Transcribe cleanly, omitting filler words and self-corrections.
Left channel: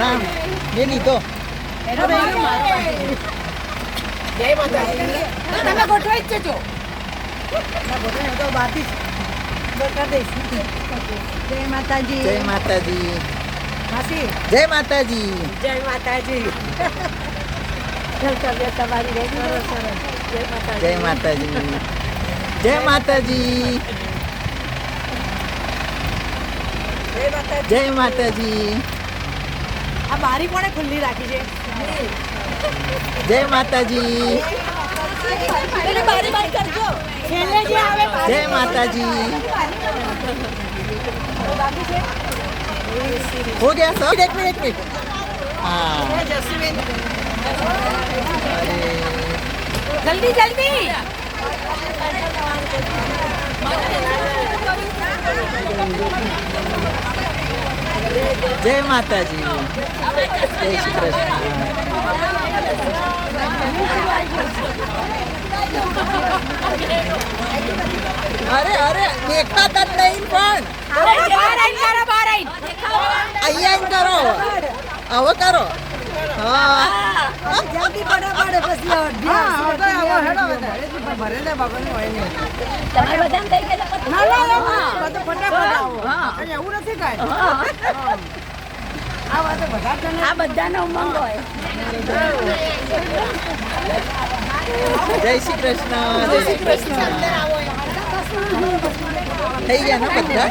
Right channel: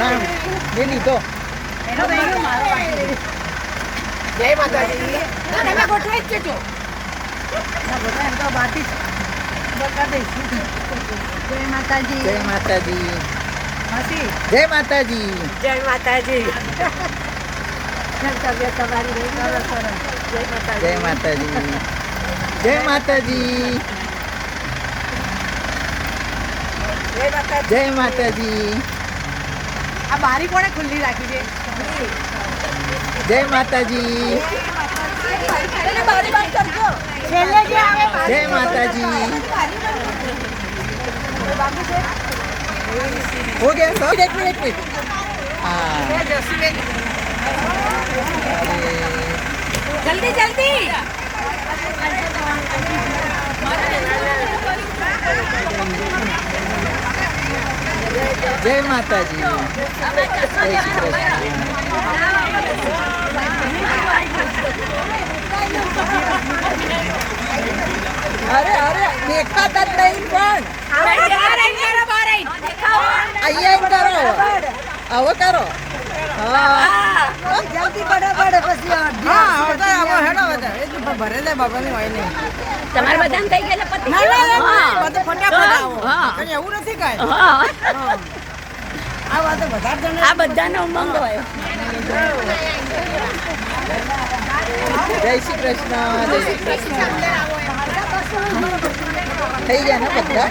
ના મેં લીધો. જય માતાજી. તમે ગોઠવાઈ જ જજો. જય માતાજી. જય માતાજી. જય માતાજી. જય માતાજી. જય માતાજી. જય માતાજી. જય માતાજી. આ બારી કોણે ખુલ્લી રાખી છે? જય માતાજી. જય માતાજી. हो गया सब. एक मिनट हाँ. अरे जल्दी जल्दी. जय माताजी. जय श्री कृष्ण. अरे अरे देखता तक नहीं पण અહીંયા કરો આવો કરો. હા જલ્દી પડે પછી ભરેલે બાબાને હોય નહીં. તમારે બધાને થઈ ગયા પતિ. ના બધું ફટાફટ આવો. એવું નથી કાંઈ. આ વાતો આ બધાનો ઉમંગ હોય. જય શ્રી કૃષ્ણ. જય શ્રી કૃષ્ણ. થઈ ગયા ને બધા.